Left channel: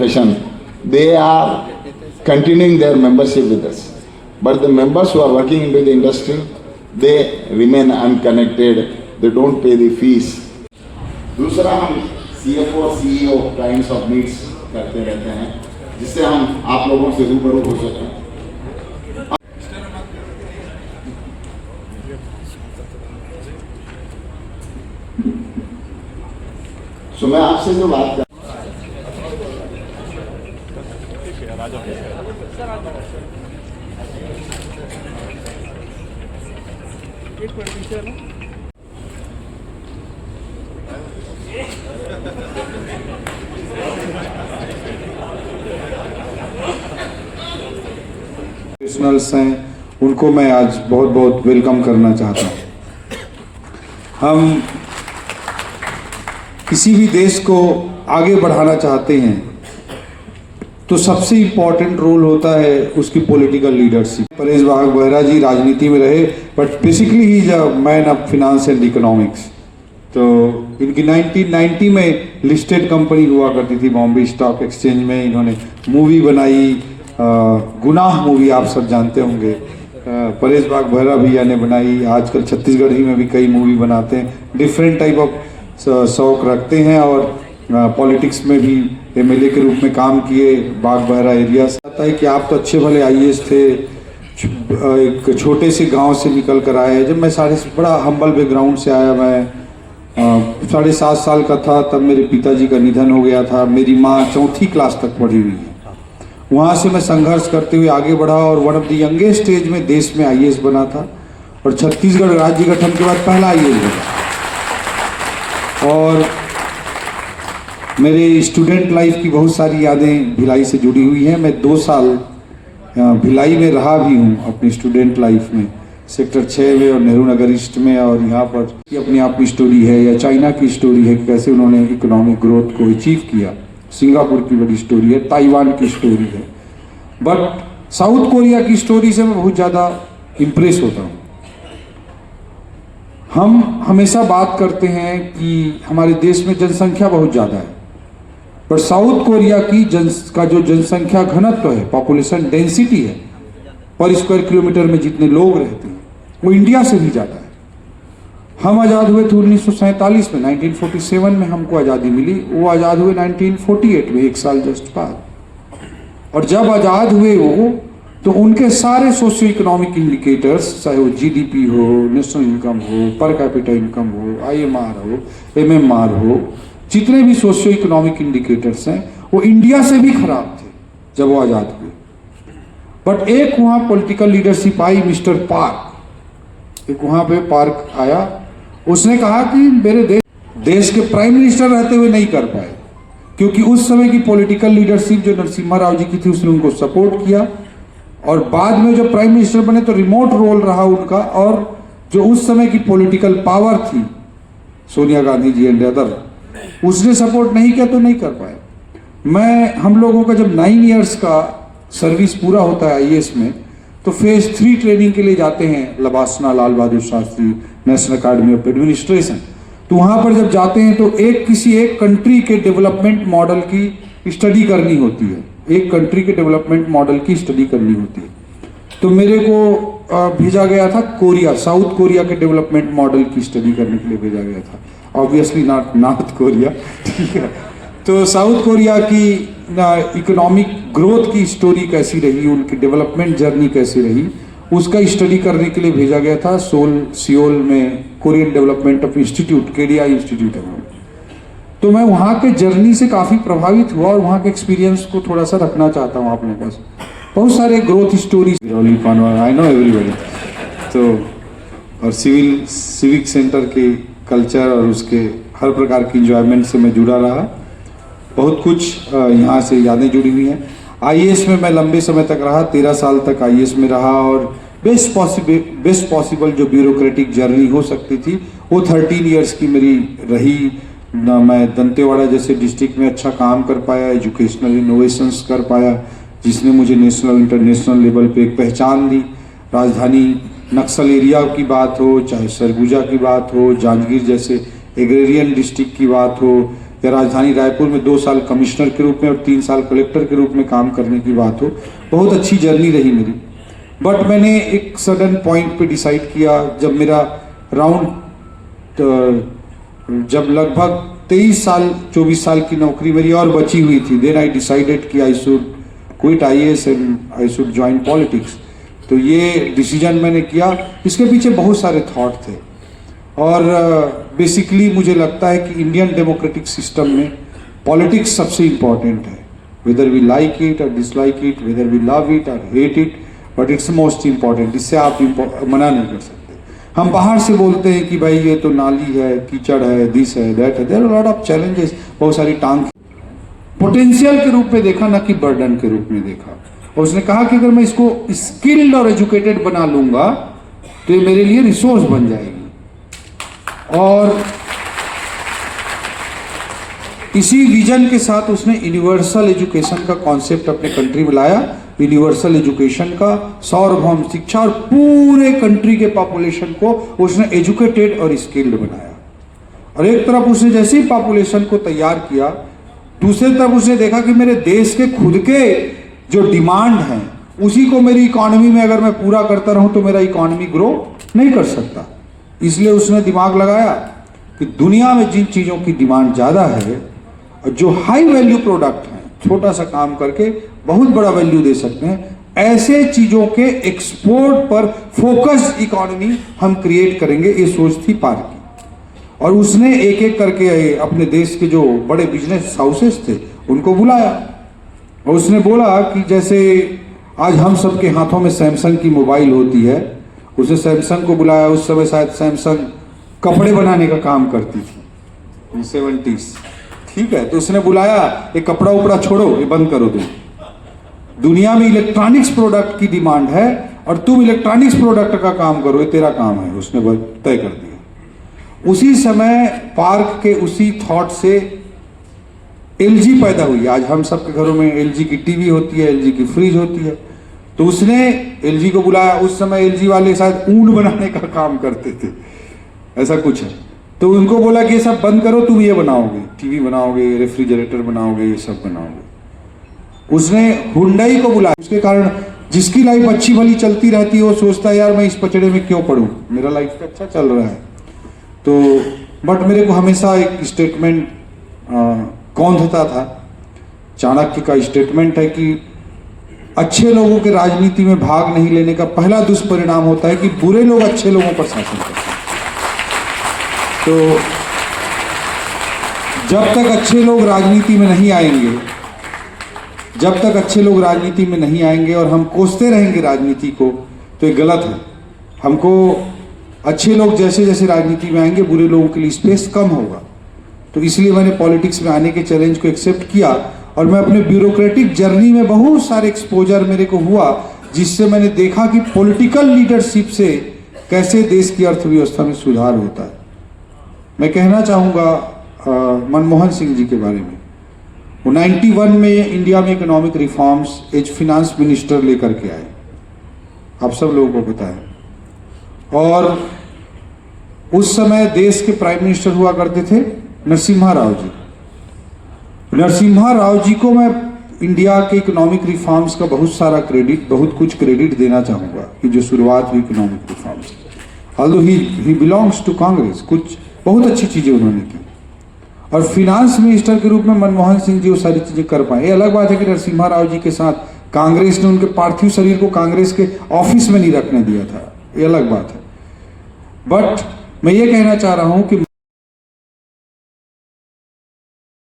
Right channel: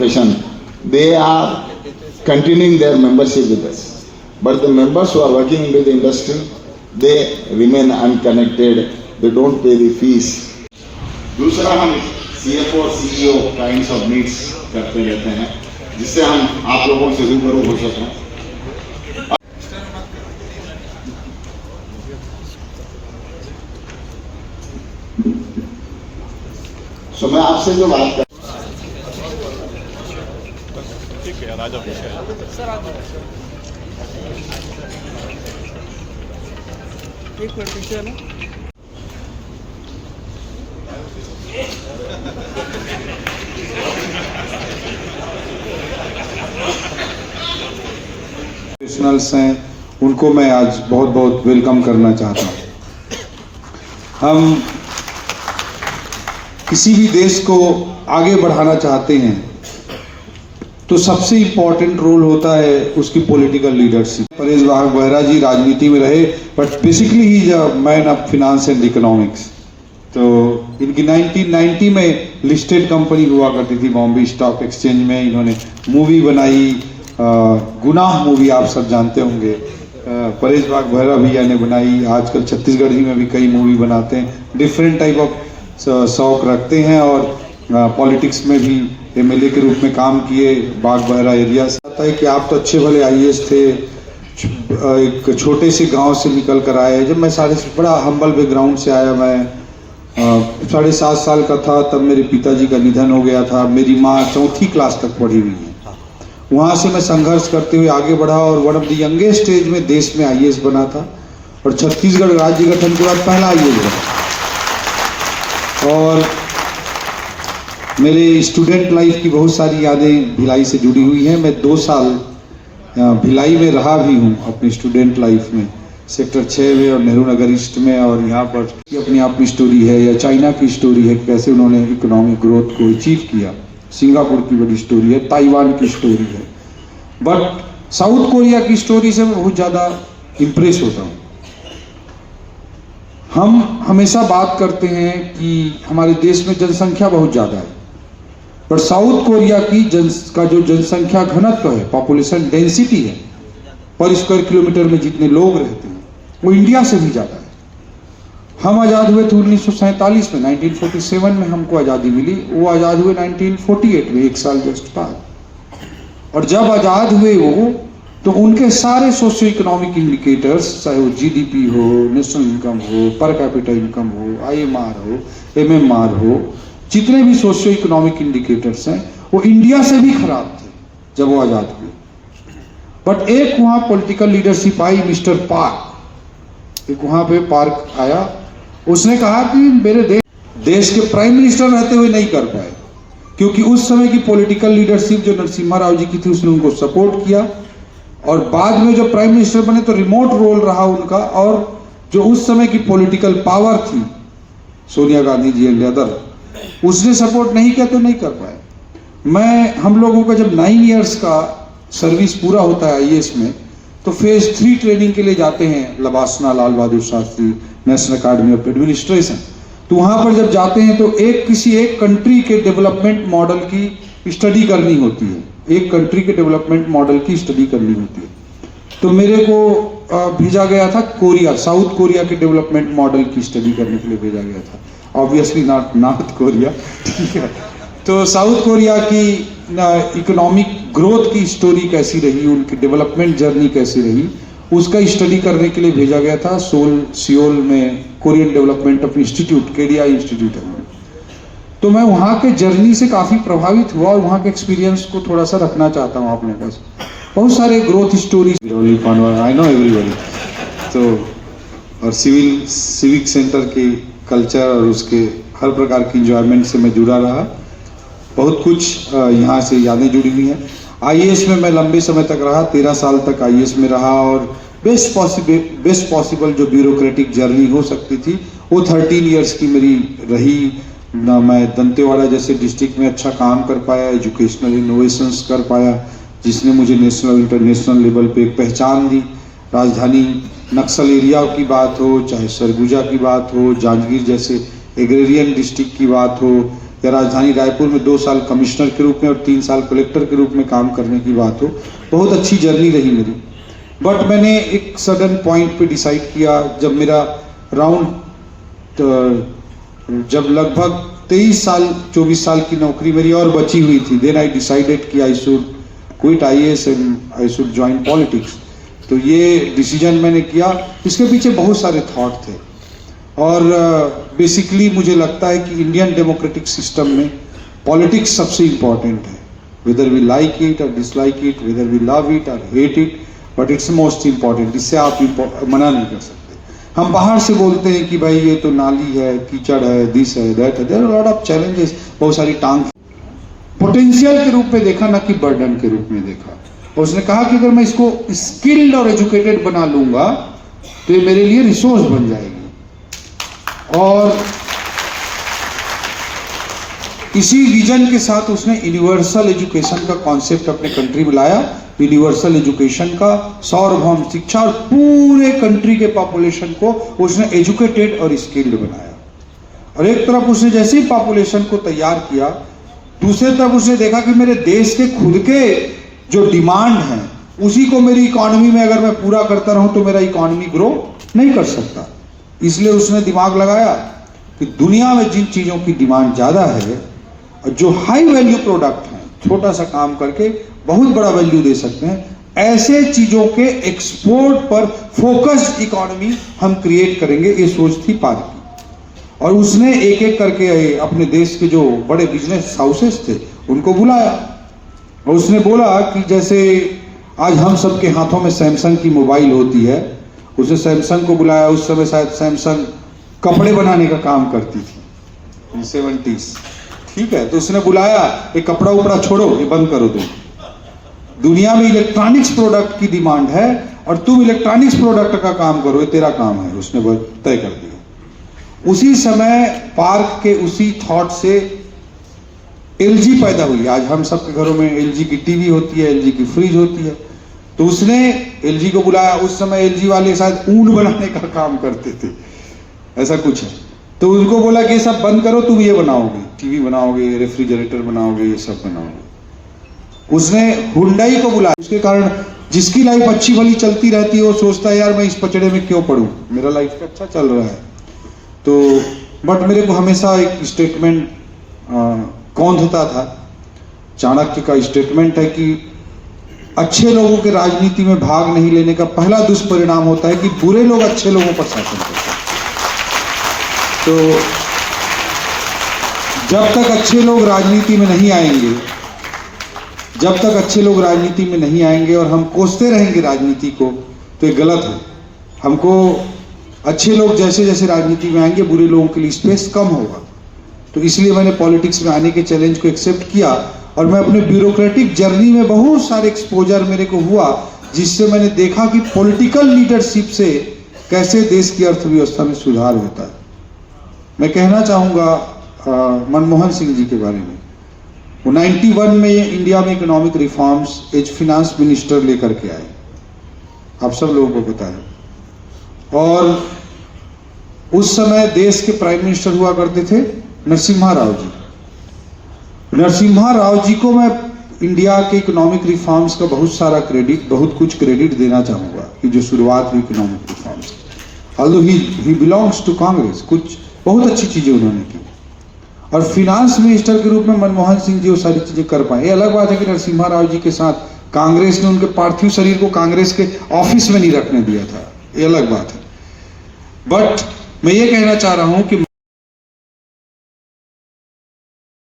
profession, they are continuing their membership with us. But the members who are working into the industry, they remain unconnected, they don't pay the fees. दूसरा हम CFO और CEO kinds of needs करते रहते हैं, जिससे हम आप लोगों से रूबरू हो सकें. तो मैं आपसे जो बात कर प्रोफेशनल्स हैं, उनको मैं आज बहुत बहुत वेलकम करना चाहता हूँ. हम किसी भी देश को आगे बढ़ाना चाहते हैं तो सबसे इम्पोर्टेंट रोल होता है उसकी पॉलिटिकल लीडरशिप. परेश बेहरा जी राजनीति में रहे, but basically he is a man of finance and economics. तो इनकी 1990 में लिस्टेड कंपनी हुआ करती थी बॉम्बे स्टॉक एक्सचेंज में. इन्होंने मूवी बनाई, गुनाह मूवी आप सब जानते होंगे, परेश बेहरा भैया ने बनाई. आजकल छत्तीसगढ़ ही में भी कई मूवी बनाते हैं, डिफरेंट टाइप ऑफ शौक रखते हैं और पॉलिटिक्स में भी एमएलए के रूप में काम किए. बेहरा एरिया से आता है कि आप तो अच्छे भले आईएएस थे, एक छोटे से गांव से निकल कर आए. जब मैं बड़ा हम्बल बैकग्राउंड से आया, मैं 7.5 साल का था तब मेरे पिताजी का निधन हो गया था. मेरी माँ 4th क्लास तक पढ़ी हुई. वहाँ से मैं संघर्ष करते हुए आगे बढ़ा और one of the youngest age में देश में आईएएस बना था और छत्तीसगढ़ राज्य गठन के बाद पहला आईएएस बना. और मेरे स्टूडेंट लाइफ की बहुत सारी यादें भिलाई से जुड़ी हुई हैं. मैं 2 साल भिलाई में रहा भी हूँ अपनी स्टूडेंट लाइफ में, सेक्टर 6 में और नेहरू नगर ईस्ट में. और यहाँ पर अपनी आप की स्टोरी है या चाइना की स्टोरी है, कैसे उन्होंने इकोनॉमिक ग्रोथ को अचीव किया. सिंगापुर की बड़ी स्टोरी है, ताइवान की स्टोरी है. बट साउथ कोरिया की स्टोरी से मैं बहुत ज़्यादा इम्प्रेस होता हूँ. हम हमेशा बात करते हैं कि हमारे देश में जनसंख्या बहुत ज़्यादा है, पर साउथ कोरिया की का जो जनसंख्या घनत्व है, पॉपुलेशन डेंसिटी है, पर स्क्वायर किलोमीटर में जितने लोग रहते हैं वो इंडिया से भी ज़्यादा है. हम आज़ाद हुए थे 1947 में, 1947 में हमको आज़ादी मिली. वो आज़ाद हुए 1948 में, 1 साल जस्ट बाद. और जब आज़ाद हुए वो, तो उनके सारे सोशियो इकोनॉमिक इंडिकेटर्स, चाहे वो जीडीपी हो, नेशनल इनकम हो, पर कैपिटा इनकम हो, आईएमआर हो, एमएमआर हो, जितने भी सोशियो इकोनॉमिक इंडिकेटर्स हैं वो इंडिया से भी खराब थे जब वो आज़ाद हुए. बट एक वहाँ political leadership I, mister park. एक वहाँ पे पार्क आया, उसने कहा कि मेरे देश के प्राइम मिनिस्टर रहते हुए नहीं कर पाए, क्योंकि उस समय की पॉलिटिकल लीडरशिप जो नरसिम्हा राव जी की थी उसने उनको सपोर्ट किया. और बाद में जो प्राइम मिनिस्टर बने तो रिमोट रोल रहा उनका. और जो उस समय की पॉलिटिकल पावर थी, सोनिया गांधी जी एंड अदर, उसने सपोर्ट नहीं किया तो नहीं कर पाए. हम लोगों का जब 9 इयर्स का सर्विस पूरा होता है आईएएस में, तो फेज 3 ट्रेनिंग के लिए जाते हैं LBSNAA Lal Bahadur Shastri National Academy of Administration. तो वहाँ पर जब जाते हैं तो किसी एक कंट्री के डेवलपमेंट मॉडल की स्टडी करनी होती है. एक कंट्री के डेवलपमेंट मॉडल की स्टडी करनी होती है. तो मेरे को भेजा गया था कोरिया, साउथ कोरिया के डेवलपमेंट मॉडल की स्टडी करने के लिए भेजा गया था. ऑब्वियसली नॉट नॉर्थ कोरिया, ठीक है. तो साउथ कोरिया की इकोनॉमिक ग्रोथ की स्टोरी कैसी रही, उनकी डेवलपमेंट जर्नी कैसी रही, उसका स्टडी करने के लिए भेजा गया था. सियोल में Korean development of institute, KDI institute है. तो मैं वहाँ के जर्नी से काफ़ी प्रभावित हुआ और वहाँ के एक्सपीरियंस को थोड़ा सा रखना चाहता हूँ अपने पास. बहुत सारे growth stories, I know everybody. तो और सिविक सेंटर के कल्चर और उसके हर प्रकार की इंजॉयमेंट से मैं जुड़ा रहा. बहुत कुछ यहाँ से यादें जुड़ी हुई हैं. आईएएस में मैं लंबे समय तक रहा, 13 साल तक आईएएस में रहा. और बेस्ट पॉसिबल जो ब्यूरोक्रेटिक जर्नी हो सकती थी वो 13 इयर्स की मेरी रही. मैं दंतेवाड़ा जैसे डिस्ट्रिक्ट में अच्छा काम कर पाया, एजुकेशनल इनोवेशंस कर पाया, जिसने मुझे नेशनल इंटरनेशनल लेवल पे एक पहचान दी. राजधानी नक्सल एरिया की बात हो, चाहे सरगुजा की बात हो, जांजगीर जैसे एग्रेरियन डिस्ट्रिक्ट की बात हो, या राजधानी रायपुर में 2 साल कमिश्नर के रूप में और 3 साल कलेक्टर के रूप में काम करने की बात हो, बहुत अच्छी जर्नी रही मेरी। बट मैंने एक सडन पॉइंट पे डिसाइड किया, जब मेरा जब लगभग 23 साल 24 साल की नौकरी मेरी और बची हुई थी, देन आई डिसाइडेड कि I should quit IAS and I should join politics. तो ये डिसीजन मैंने किया। इसके पीछे बहुत सारे थॉट थे और बेसिकली मुझे लगता है कि इंडियन डेमोक्रेटिक सिस्टम में पॉलिटिक्स सबसे इम्पॉर्टेंट है, वेदर वी लाइक इट और dislike it, whether we love it और hate it, but it's most important. इससे आप मना नहीं कर सकते। हम बाहर से बोलते हैं कि भाई ये तो नाली है, कीचड़ है, दिस है, दैट है, there are lot of challenges, बहुत सारी टांग। पोटेंशियल के रूप में देखा, ना कि बर्डन के रूप में देखा। और उसने कहा कि अगर मैं इसको स्किल्ड और एजुकेटेड बना लूंगा तो ये मेरे लिए रिसोर्स बन जाएगी। और इसी विजन के साथ उसने यूनिवर्सल एजुकेशन का कॉन्सेप्ट अपने कंट्री में लाया। यूनिवर्सल एजुकेशन का, सार्वभौम शिक्षा, और पूरे कंट्री के पॉपुलेशन को उसने एजुकेटेड और स्किल्ड बनाया। और एक तरफ उसने जैसे ही पॉपुलेशन को तैयार किया, दूसरी तरफ उसने देखा कि मेरे देश के खुद के जो डिमांड हैं उसी को मेरी इकोनॉमी में अगर मैं पूरा करता रहूं तो मेरा इकोनॉमी ग्रो नहीं कर सकता। इसलिए उसने दिमाग लगाया कि दुनिया में जिन चीजों की डिमांड ज्यादा है, जो हाई वैल्यू प्रोडक्ट हैं, छोटा सा काम करके बहुत बड़ा वैल्यू दे सकते हैं, ऐसे चीजों के एक्सपोर्ट पर फोकस्ड इकोनॉमी हम क्रिएट करेंगे। ये सोच थी पार्क की। और उसने एक एक करके अपने देश के जो बड़े बिजनेस हाउसेस थे उनको बुलाया और उसने बोला कि जैसे आज हम सबके हाथों में सैमसंग की मोबाइल होती है, उसने सैमसंग को बुलाया। उस समय शायद सैमसंग कपड़े बनाने का काम करती थी 70s, ठीक है। तो उसने बुलाया, एक कपड़ा उपड़ा छोड़ो, ये बंद करो, तुम दुनिया में इलेक्ट्रॉनिक्स प्रोडक्ट की डिमांड है और तुम इलेक्ट्रॉनिक्स प्रोडक्ट का काम करो, ये तेरा काम है। उसने तय कर दिया। उसी समय पार्क के उसी थॉट से LG पैदा हुई। आज हम सबके घरों में LG की टीवी होती है, LG की फ्रिज होती है। तो उसने LG को बुलाया। उस समय LG वाले शायद ऊन बनाने का काम करते थे, ऐसा कुछ है। तो उनको बोला कि ये सब बंद करो, तुम ये बनाओगे, टीवी बनाओगे, रेफ्रिजरेटर बनाओगे, ये सब बनाओगे। उसने हुंडई को बुलाया। उसके कारण जिसकी लाइफ अच्छी भली चलती रहती है वो सोचता है यार मैं इस पचड़े में क्यों पड़ूं, मेरा लाइफ अच्छा चल रहा है। तो बट मेरे को हमेशा एक स्टेटमेंट कौंधता था। चाणक्य का स्टेटमेंट है कि अच्छे लोगों के राजनीति में भाग नहीं लेने का पहला दुष्परिणाम होता है कि बुरे लोग अच्छे लोगों पर शासन करते हैं। तो जब तक अच्छे लोग राजनीति में नहीं आएंगे, जब तक अच्छे लोग राजनीति में नहीं आएंगे और हम कोसते रहेंगे राजनीति को, तो ये गलत है। हमको अच्छे लोग जैसे जैसे राजनीति में आएंगे, बुरे लोगों के लिए स्पेस कम होगा। तो इसलिए मैंने पॉलिटिक्स में आने के चैलेंज को एक्सेप्ट किया और मैं अपने ब्यूरोक्रेटिक जर्नी में बहुत सारे एक्सपोजर मेरे को हुआ, जिससे मैंने देखा कि पॉलिटिकल लीडरशिप से कैसे देश की अर्थव्यवस्था में सुधार होता है। मैं कहना चाहूँगा मनमोहन सिंह जी के बारे में। वो 91 में इंडिया में economic reforms as finance minister लेकर के आए, आप सब लोगों को पता है। और उस समय देश के प्राइम मिनिस्टर हुआ करते थे नरसिम्हा राव जी। नरसिम्हा राव जी को मैं इंडिया के इकोनॉमिक रिफॉर्म्स का बहुत कुछ क्रेडिट देना चाहूँगा कि जो शुरुआत हुई economic reforms, although he belongs to Congress, कुछ बहुत अच्छी चीज़ें उन्होंने की। और फिनांस मिनिस्टर के रूप में मनमोहन सिंह जी वो सारी चीज़ें कर पाए। ये अलग बात है कि नरसिम्हा राव जी के साथ कांग्रेस ने उनके पार्थिव शरीर को कांग्रेस के ऑफिस में नहीं रखने दिया था, ये अलग बात है। बट मैं ये कहना चाह रहा हूँ कि